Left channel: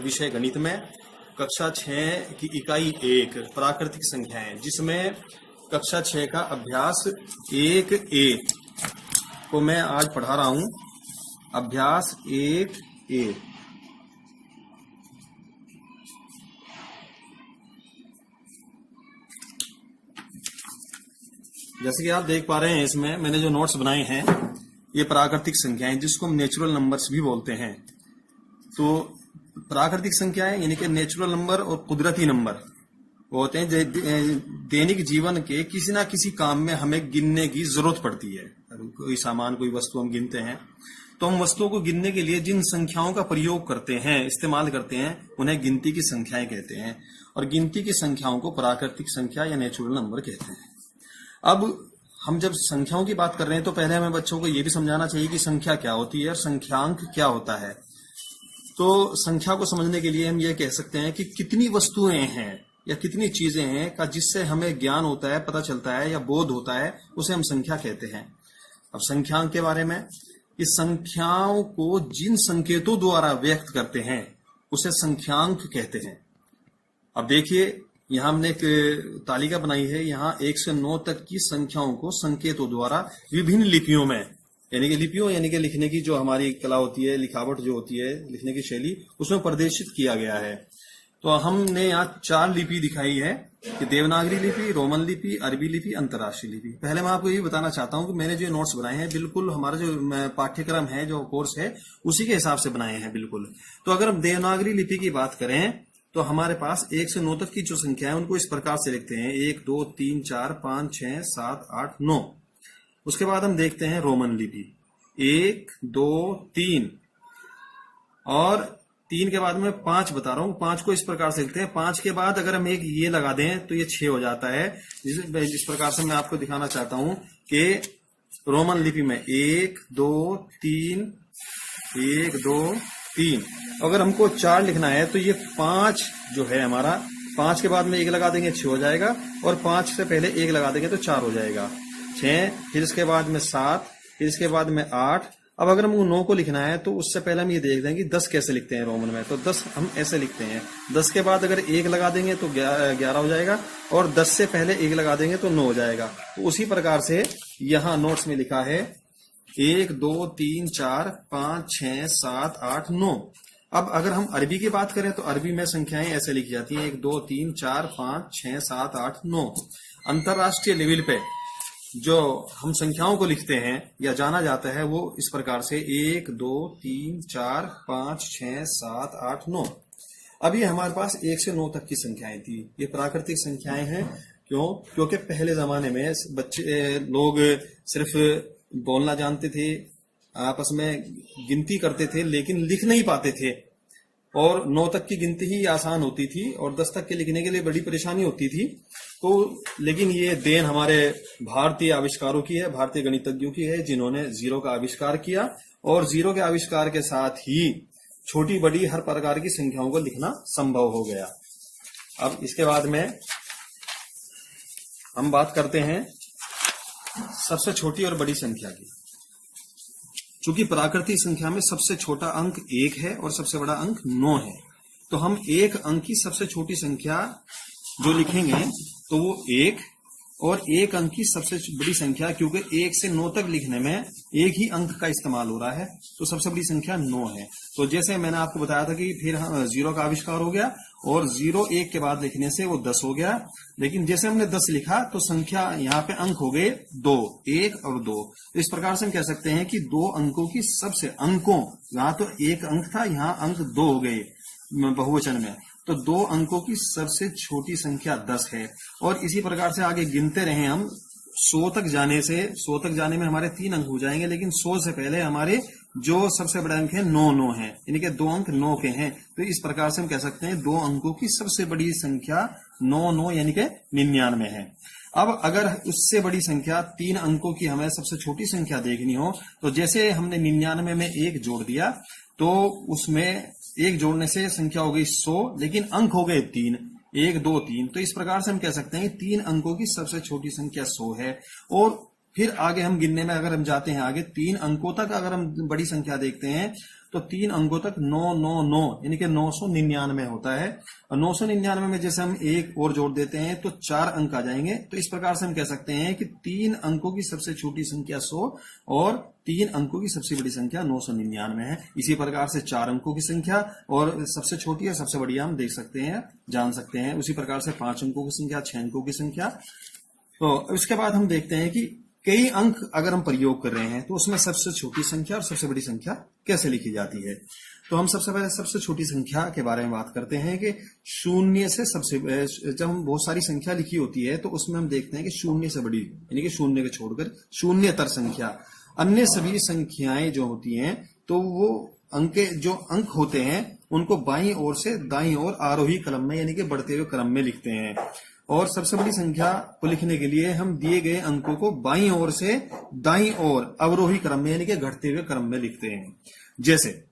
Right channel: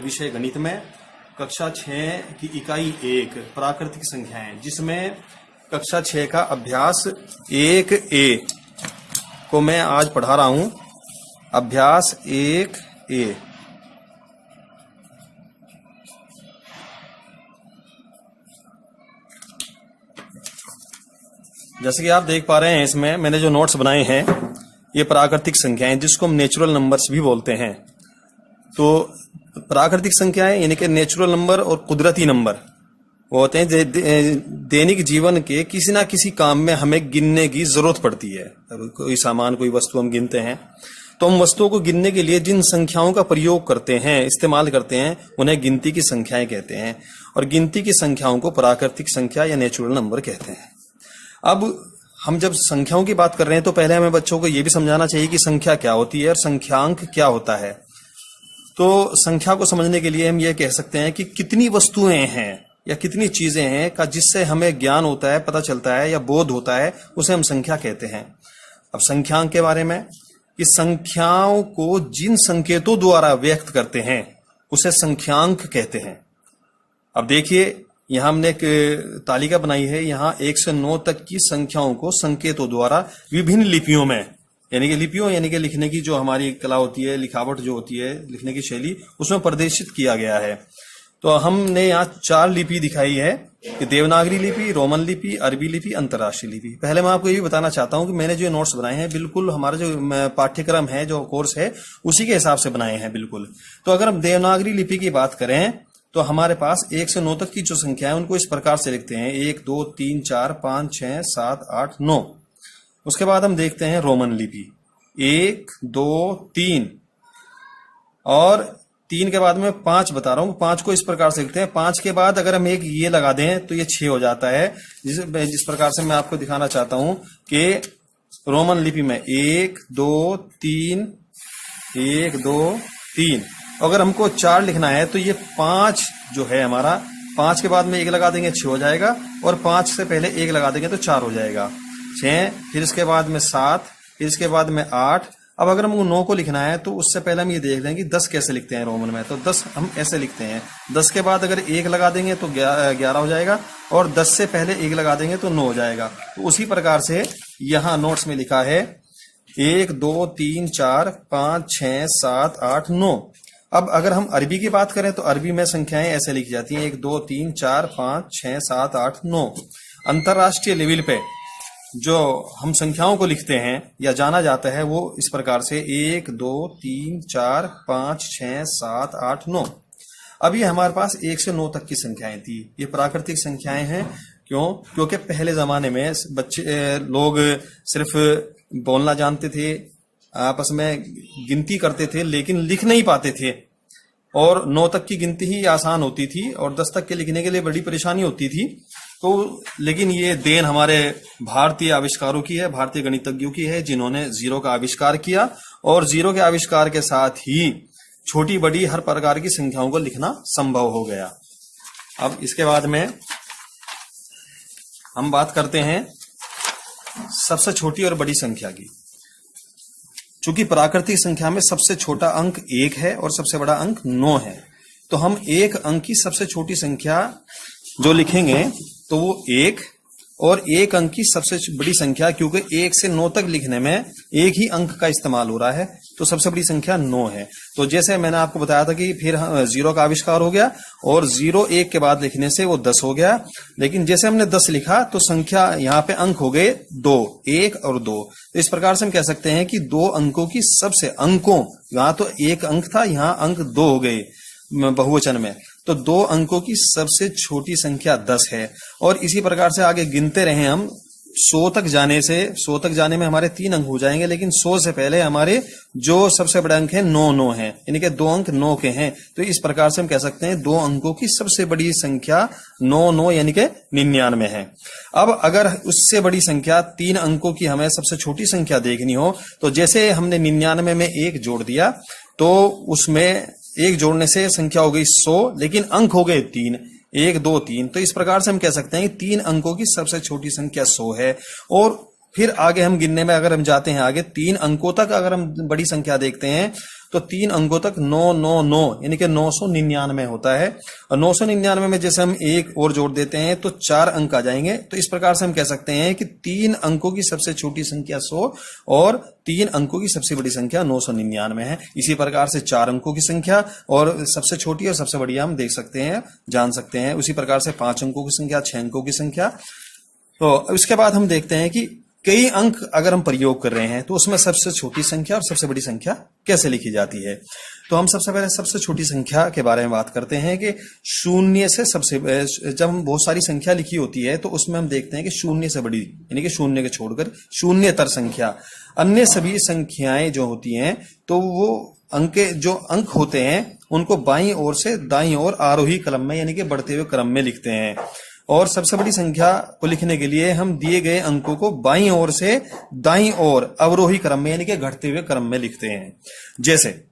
विषय गणित में कक्षा 6 की इकाई 1 प्राकृतिक संख्याएं, जिसमें कक्षा 6 का अभ्यास 1A को मैं आज पढ़ा रहा हूं। अभ्यास 1A। जैसे कि आप देख पा रहे हैं, इसमें मैंने जो नोट्स बनाए हैं ये प्राकृतिक संख्याएं, जिसको हम नेचुरल नंबर्स भी बोलते हैं। तो प्राकृतिक संख्याएं यानी कि नेचुरल नंबर और कुदरती नंबर वो होते हैं दैनिक जीवन के किसी ना किसी काम में हमें गिनने की जरूरत पड़ती है। कोई सामान, कोई वस्तु हम गिनते हैं, तो हम वस्तुओं को गिनने के लिए जिन संख्याओं का प्रयोग करते हैं, इस्तेमाल करते हैं, उन्हें गिनती की संख्याएं कहते हैं। और गिनती की संख्याओं को प्राकृतिक संख्या या नेचुरल नंबर कहते हैं। अब हम जब संख्याओं की बात कर रहे हैं तो पहले हमें बच्चों को यह भी समझाना चाहिए कि संख्या क्या होती है और संख्यांक क्या होता है। तो संख्या को समझने के लिए हम ये कह सकते हैं कि कितनी वस्तुएं हैं या कितनी चीजें हैं का जिससे हमें ज्ञान होता है, पता चलता है या बोध होता है, उसे हम संख्या कहते हैं। अब संख्यांक के बारे में, कि संख्याओं को जिन संकेतों द्वारा व्यक्त करते हैं उसे संख्यांक कहते हैं। अब देखिए, यहां हमने एक तालिका बनाई है। यहां 1 से 9 तक की संख्याओं को संकेतों द्वारा विभिन्न लिपियों में, यानी कि लिखने की जो हमारी कला होती है, लिखावट जो होती है, लिखने की शैली, उसमें प्रदर्शित किया गया है। तो हमने यहाँ 4 लिपि दिखाई है कि देवनागरी लिपि, रोमन लिपि, अरबी लिपि, अंतर्राष्ट्रीय लिपि। पहले मैं आपको ये भी बताना चाहता हूँ कि मैंने जो नोट्स बनाए हैं बिल्कुल हमारा जो पाठ्यक्रम है, जो कोर्स है, उसी के हिसाब से बनाए हैं बिल्कुल। तो अगर हम देवनागरी लिपि की बात करें तो हमारे पास 1 से 9 तक की जो संख्या है उनको इस प्रकार से लिखते हैं: 1 2 3 4 5 6 7 8 9। उसके बाद हम देखते हैं रोमन लिपि, 1 2 3, और 3 के बाद में 5 बता रहा हूं। 5 को इस प्रकार से लिखते हैं। 5 के बाद अगर हम एक ये लगा दें तो ये 6 हो जाता है। जिस प्रकार से मैं आपको दिखाना चाहता हूं कि रोमन लिपि में 1 2 3 1 2 3, अगर हमको 4 लिखना है तो ये 5 जो है हमारा, 5 के बाद में 1 लगा देंगे 6 हो जाएगा, और 5 से पहले 1 लगा देंगे तो 4 हो जाएगा, 6। फिर इसके बाद में 7, फिर इसके बाद में 8। अब अगर हमको 9 को लिखना है तो उससे पहले हम ये देख लेंगे 10 कैसे लिखते हैं रोमन में। तो 10 हम ऐसे लिखते हैं। 10 के बाद अगर 1 लगा देंगे तो 11 हो जाएगा, और 10 से पहले 1 लगा देंगे तो 9 हो जाएगा। तो उसी प्रकार से यहाँ नोट्स में लिखा है 1 2 3 4 5 6 7 8 9। अब अगर हम अरबी की बात करें तो अरबी में संख्याएं ऐसे लिखी जाती हैं: 1 2 3 4 5 6 7 8 9। अंतरराष्ट्रीय लेवल पे जो हम संख्याओं को लिखते हैं या जाना जाता है वो इस प्रकार से: 1 2 3 4 5 6 7 8 9। अब ये हमारे पास 1 से 9 तक की संख्याएं थी। ये प्राकृतिक संख्याएं हैं। क्यों? क्योंकि पहले जमाने में लोग सिर्फ बोलना जानते थे, आपस में गिनती करते थे, लेकिन लिख नहीं पाते थे। और 9 तक की गिनती ही आसान होती थी, और 10 तक के लिखने के लिए बड़ी परेशानी होती थी। तो लेकिन ये देन हमारे भारतीय आविष्कारों की है, भारतीय गणितज्ञों की है, जिन्होंने जीरो का आविष्कार किया। और जीरो के आविष्कार के साथ ही छोटी बड़ी हर प्रकार की संख्याओं को लिखना संभव हो गया। अब इसके बाद में हम बात करते हैं सबसे छोटी और बड़ी संख्या की। चूंकि प्राकृतिक संख्या में सबसे छोटा अंक 1 है और सबसे बड़ा अंक 9 है, तो हम एक अंक की सबसे छोटी संख्या जो लिखेंगे तो वो 1, और एक अंक की सबसे बड़ी संख्या, क्योंकि 1 से 9 तक लिखने में एक ही अंक का इस्तेमाल हो रहा है, तो सबसे बड़ी संख्या 9 है। तो जैसे मैंने आपको बताया था कि फिर जीरो का आविष्कार हो गया, और 0 1 के बाद लिखने से वो 10 हो गया। लेकिन जैसे हमने 10 लिखा तो संख्या यहाँ पे अंक हो गए 2, 1 और 2। तो इस प्रकार से हम कह सकते हैं कि 2 अंकों की सबसे, अंकों, यहाँ तो 1 अंक था, यहाँ अंक 2 हो गए बहुवचन में, तो 2 अंकों की सबसे छोटी संख्या 10 है। और इसी प्रकार से आगे गिनते रहे हम 100 तक जाने में हमारे 3 अंक हो जाएंगे, लेकिन 100 से पहले हमारे जो सबसे बड़ा अंक है 9 है, यानी कि 2 अंक 9 के हैं। तो इस प्रकार से हम कह सकते हैं 2 अंकों की सबसे बड़ी संख्या 9 यानी कि 99 है। अब अगर उससे बड़ी संख्या 3 अंकों की हमें सबसे छोटी संख्या देखनी हो, तो जैसे हमने 99 में 1 जोड़ दिया तो उसमें 1 जोड़ने से संख्या हो गई 100, लेकिन अंक हो गए 3, 1 2 3। तो इस प्रकार से हम कह सकते हैं कि 3 अंकों की सबसे छोटी संख्या 100 है। और फिर आगे हम गिनने में अगर हम जाते हैं आगे 3 अंकों तक अगर हम बड़ी संख्या देखते हैं तो 3 अंकों तक 999 यानी कि 999 होता है। और 999 में जैसे हम एक और जोड़ देते हैं तो 4 अंक आ जाएंगे। तो इस प्रकार से हम कह सकते हैं कि 3 अंकों की सबसे छोटी संख्या 100 और 3 अंकों की सबसे बड़ी संख्या 999 है। इसी प्रकार से 4 अंकों की संख्या और सबसे छोटी और सबसे बड़ी हम देख सकते हैं, जान सकते हैं। उसी प्रकार से 5 अंकों की संख्या, 6 अंकों की संख्या। तो उसके बाद हम देखते हैं कि कई अंक अगर हम प्रयोग कर रहे हैं तो उसमें सबसे छोटी संख्या और सबसे बड़ी संख्या कैसे लिखी जाती है। तो हम सबसे पहले सबसे छोटी संख्या के बारे में बात करते हैं कि शून्य से सबसे, जब हम बहुत सारी संख्या लिखी होती है तो उसमें हम देखते हैं कि शून्य से बड़ी यानी कि शून्य के छोड़कर शून्यतर संख्या, अन्य सभी संख्याएं जो होती हैं तो वो जो अंक होते हैं उनको बाईं ओर से दाईं ओर आरोही क्रम में यानी कि बढ़ते हुए क्रम में लिखते हैं। और सबसे बड़ी संख्या को लिखने के लिए हम दिए गए अंकों को बाईं ओर से दाईं ओर अवरोही क्रम में यानी कि घटते हुए क्रम में लिखते हैं। जैसे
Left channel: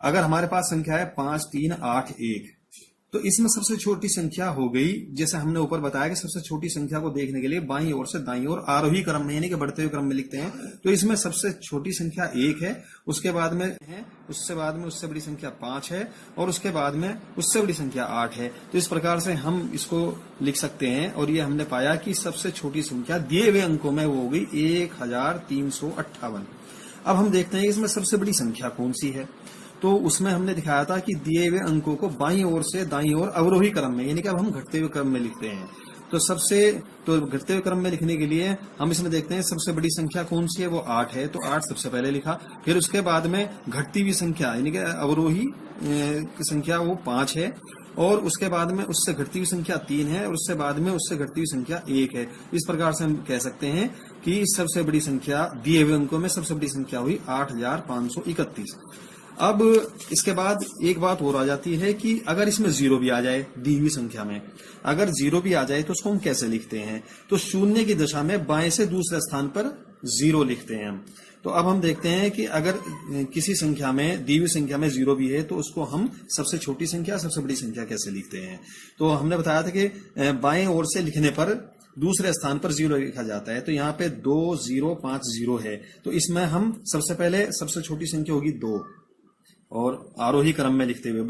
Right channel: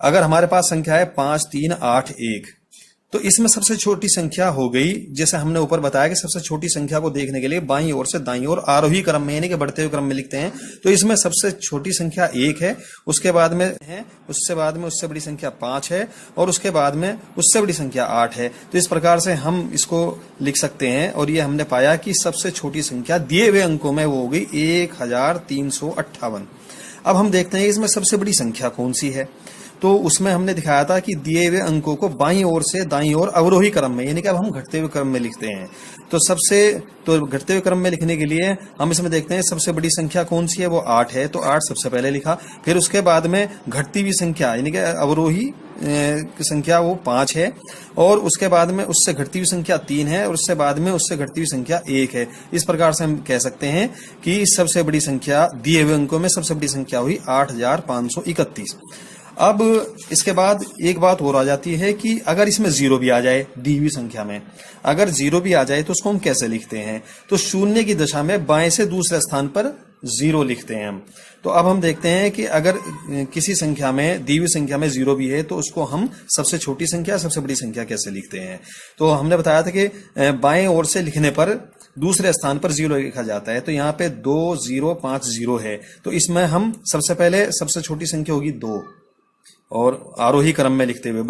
अगर हमारे पास संख्या है 5 3 8 1, तो इसमें सबसे छोटी संख्या हो गई, जैसे हमने ऊपर बताया कि सबसे छोटी संख्या को देखने के लिए बाईं ओर से दाईं ओर आरोही क्रम में यानी कि बढ़ते हुए क्रम में लिखते हैं। तो इसमें सबसे छोटी संख्या 1 है, उसके बाद में है, उससे बाद में उससे बड़ी संख्या 5 है और उसके बाद में उससे बड़ी संख्या 8 है। तो इस प्रकार से हम इसको लिख सकते हैं। और ये हमने पाया कि सबसे छोटी संख्या दिए हुए अंकों में वो हो गई 1358। अब हम देखते हैं इसमें सबसे बड़ी संख्या कौन सी है। तो उसमें हमने दिखाया था कि दिए हुए अंकों को बाईं ओर से दाईं ओर अवरोही क्रम में यानी कि अब हम घटते हुए क्रम में लिखते हैं। तो घटते हुए क्रम में लिखने के लिए हम इसमें देखते हैं सबसे बड़ी संख्या कौन सी है, वो 8 है। तो 8 सबसे पहले लिखा। फिर उसके बाद में घटती हुई संख्या यानी कि अवरोही संख्या वो 5 है और उसके बाद में उससे घटती हुई संख्या 3 है और उससे बाद में उससे घटती हुई संख्या 1 है। इस प्रकार से हम कह सकते हैं कि सबसे बड़ी संख्या दिए हुए अंकों में सबसे बड़ी संख्या हुई 8531। अब इसके बाद एक बात और आ जाती है कि अगर इसमें जीरो भी आ जाए, दी हुई संख्या में अगर जीरो भी आ जाए तो उसको हम कैसे लिखते हैं। तो शून्य की दशा में बाएं से दूसरे स्थान पर जीरो लिखते हैं हम। तो अब हम देखते हैं कि अगर किसी संख्या में, दी हुई संख्या में जीरो भी है तो उसको हम सबसे छोटी संख्या सबसे बड़ी संख्या कैसे लिखते हैं। तो हमने बताया था कि बाएं ओर से लिखने पर दूसरे स्थान पर जीरो लिखा जाता है। तो यहाँ पे 2050 है। तो इसमें हम सबसे पहले सबसे छोटी संख्या होगी 2 और आरोही क्रम में लिखते हुए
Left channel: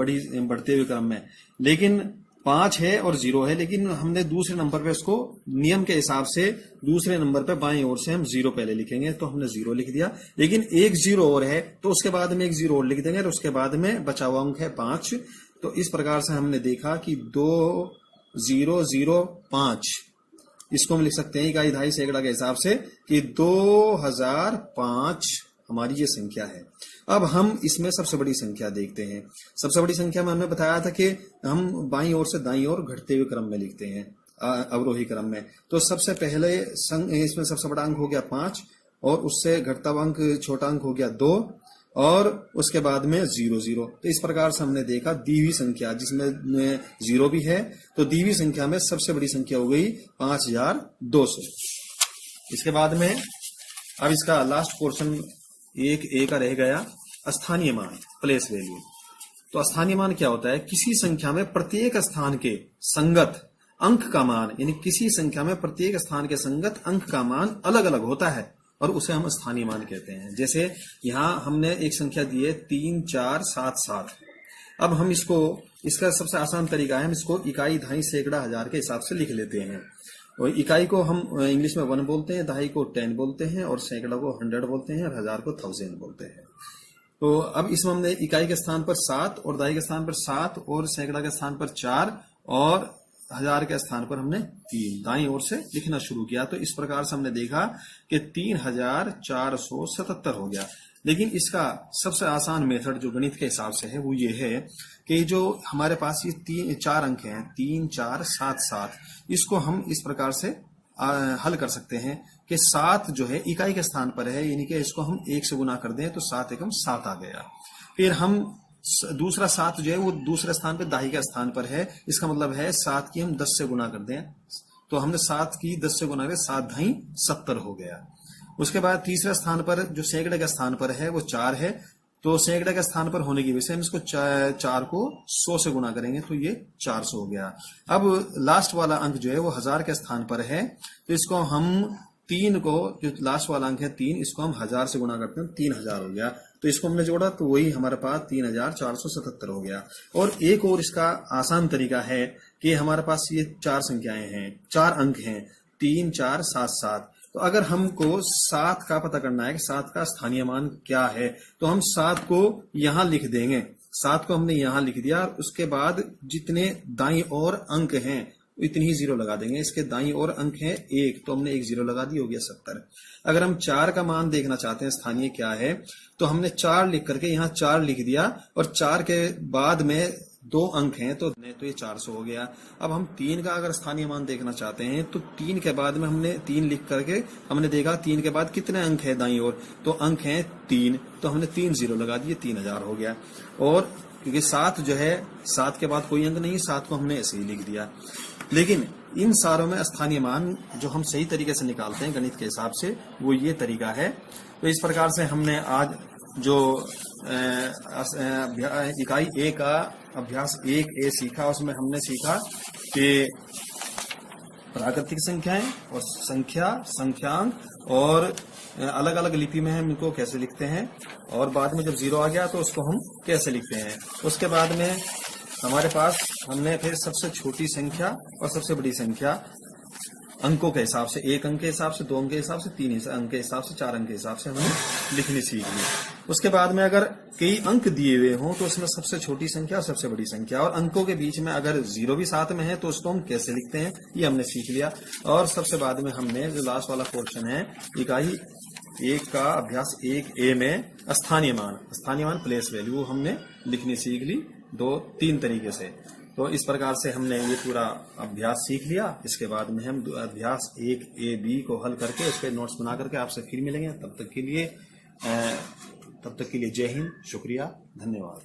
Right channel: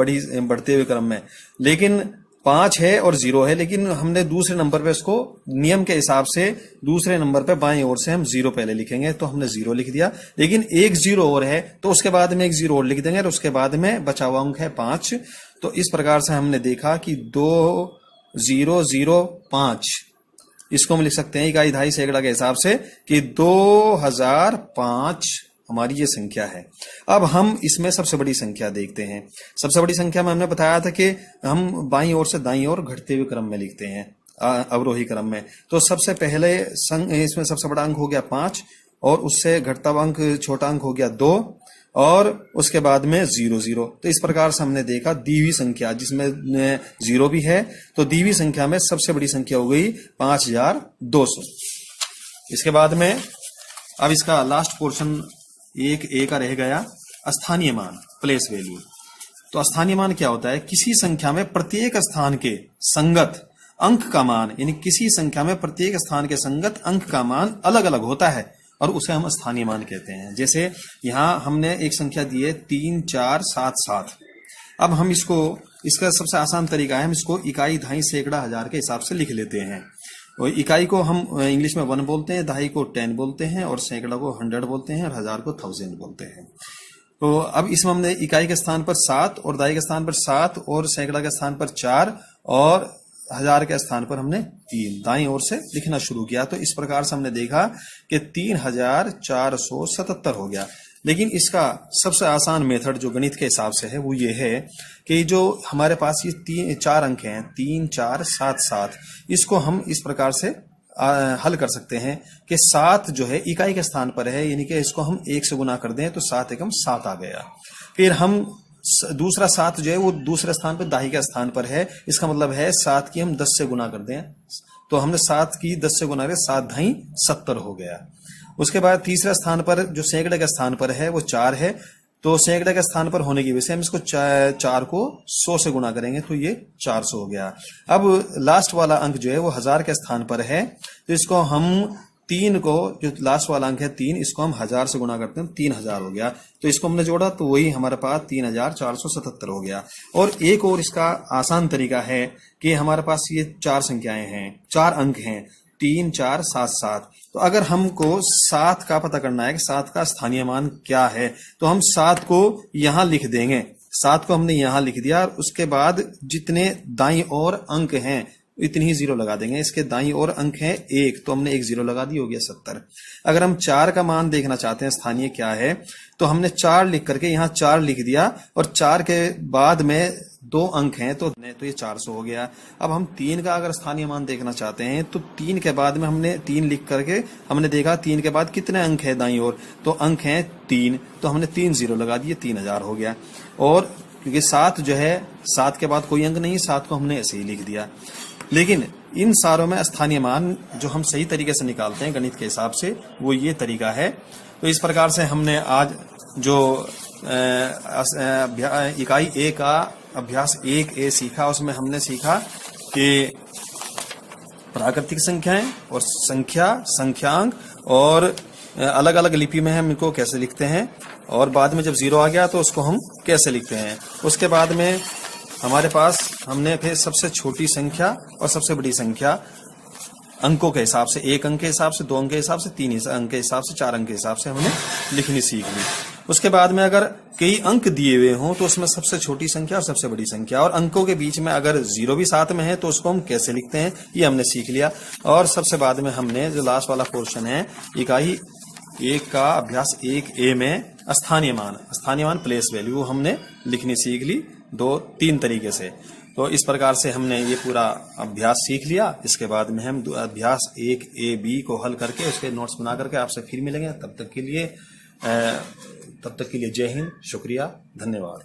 बढ़ते हुए क्रम में, लेकिन 5 है और 0 है, लेकिन हमने दूसरे नंबर पे इसको नियम के हिसाब से दूसरे नंबर पे बाएं ओर से हम 0 पहले लिखेंगे। तो हमने 0 लिख दिया, लेकिन एक 0 और है तो उसके बाद में एक 0 और लिख देंगे और उसके बाद में बचा हुआ अंक है 5। तो इस प्रकार से हमने देखा कि 2005 इसको हम लिख सकते हैं इकाई दहाई सैकड़ा के हिसाब से कि 2005 हमारी ये संख्या है। अब हम इसमें सबसे बड़ी संख्या देखते हैं। सबसे बड़ी संख्या में हमने बताया था कि हम बाईं ओर से दाईं ओर घटते हुए क्रम में लिखते हैं, अवरोही क्रम में। तो सबसे पहले इसमें सबसे बड़ा अंक हो गया 5 और उससे घटता हुआ अंक छोटा अंक हो गया 2 और उसके बाद में 00। तो इस प्रकार से हमने देखा दी हुई संख्या जिसमें 0 भी है, तो दी हुई संख्या में सबसे बड़ी संख्या हो गई 5200। इसके बाद में अब इसका लास्ट पोर्शन एक ए का रह गया, स्थानीय मान, प्लेस वैल्यू। तो स्थानीय मान क्या होता है? किसी संख्या में प्रत्येक स्थान के संगत अंक का मान, यानी किसी संख्या में प्रत्येक स्थान के संगत अंक का मान अलग अलग होता है और उसे हम स्थानीय मान कहते हैं। जैसे यहां हमने एक संख्या दी है 3477। अब हम इसका सबसे आसान तरीका है, हम इसको इकाई दहाई सैकड़ा हजार के हिसाब से लिख लेते हैं। और इकाई को हम इंग्लिश में 1 बोलते हैं, दहाई को 10 बोलते हैं और सैकड़ा को 100 बोलते हैं और हजार को 1000 बोलते हैं। तो अब इसमें हमने इकाई के स्थान पर 7 और दहाई के स्थान पर 7 और सैकड़ा के स्थान पर 4 और हजार के स्थान पर हमने 3 दाईं ओर से लिखना शुरू किया। तो इस प्रकार से हमने देखा कि 3477 हो गया। लेकिन इसका सबसे आसान मेथड जो गणित के हिसाब से है वो ये है कि जो हमारे पास ये 4 अंक हैं 3 4 7 7, इसको हम इस प्रकार से हल कर सकते हैं कि 7 जो है इकाई के स्थान पर है, यानी कि इसको हम 1 से गुना कर दें तो 7 एकम 7 आ गया। फिर हम दूसरा 7 जो है वो दूसरे स्थान पर दाही के स्थान पर है, इसका मतलब है 7 की हम 10 से गुना कर दें तो हमने 7 की 10 से गुना कर 7 ढाई 70 हो गया। उसके बाद तीसरे स्थान पर जो सैकड़े के स्थान पर है वो 4 है, तो सैकड़े के स्थान पर होने की वजह से हम इसको 4 को 100 से गुना करेंगे तो ये 400 हो गया। अब लास्ट वाला अंक जो है वो हजार के स्थान पर है, तो इसको हम 3 को, जो लास्ट वाला अंक है 3, इसको हम 1000 से गुणा करते हैं, 3000 हो गया। तो इसको हमने जोड़ा तो वही हमारे पास 3477 हो गया। और एक और इसका आसान तरीका है कि हमारे पास ये 4 संख्याएं हैं, 4 अंक हैं, 3 4 7 7। तो अगर हमको 7 का पता करना है कि 7 का स्थानीय मान क्या है, तो हम 7 को यहां लिख देंगे। 7 को हमने यहां लिख दिया और उसके बाद जितने दाईं ओर अंक हैं इतनी ही 0 लगा देंगे। इसके दाईं ओर अंक है 1, तो हमने 1 0 लगा दी, हो गया 70। अगर हम 4 का मान देखना चाहते हैं स्थानीय क्या है, तो हमने 4 लिख करके यहाँ 4 लिख दिया और 4 के बाद में 2 अंक हैं तो ये 400 हो गया। अब हम 3 का अगर स्थानीय मान देखना चाहते हैं तो 3 के बाद में हमने 3 लिख करके हमने देखा 3 के बाद कितने अंक है दाईं ओर, तो अंक हैं 3, तो हमने 3 0 लगा दिए, 3000 हो गया। और क्योंकि 7 जो है, 7 के बाद कोई अंक नहीं, 7 को हमने ऐसे ही लिख दिया। लेकिन इन सारों में स्थानीय मान जो हम सही तरीके से निकालते हैं गणित के हिसाब से, वो ये तरीका है। तो इस प्रकार से हमने आज जो इकाई ए का अभ्यास 1A सीखा, उसमें हमने सीखा कि प्राकृतिक संख्याएं और संख्यांक और अलग अलग लिपि में हम इनको कैसे लिखते हैं, और बाद में जब 0 आ गया तो उसको हम कैसे लिखते हैं। उसके बाद में हमारे पास हमने फिर सबसे छोटी संख्या और सबसे बड़ी संख्या अंकों के हिसाब से, 1 अंक के हिसाब से, 2 अंक के हिसाब से, 3 अंक के हिसाब से, 4 अंक के हिसाब से हमने लिखनी सीख ली। उसके बाद में अगर कई अंक दिए हुए हों तो उसमें सबसे छोटी संख्या और सबसे बड़ी संख्या, और अंकों के बीच में अगर 0 भी साथ में है तो उसको हम कैसे लिखते हैं, ये हमने सीख लिया। और सबसे बाद में हमने जो लास्ट वाला पोर्शन है इकाई 1 का अभ्यास 1A में स्थानीय मान प्लेस वैल्यू हमने लिखनी सीख ली 2-3 तरीके से। तो इस प्रकार से हमने ये पूरा अभ्यास सीख लिया। इसके बाद में हम अभ्यास 1AB को हल करके उसके नोट्स बना करके आपसे फिर मिलेंगे। तब तक के लिए जय हिंद, शुक्रिया, धन्यवाद।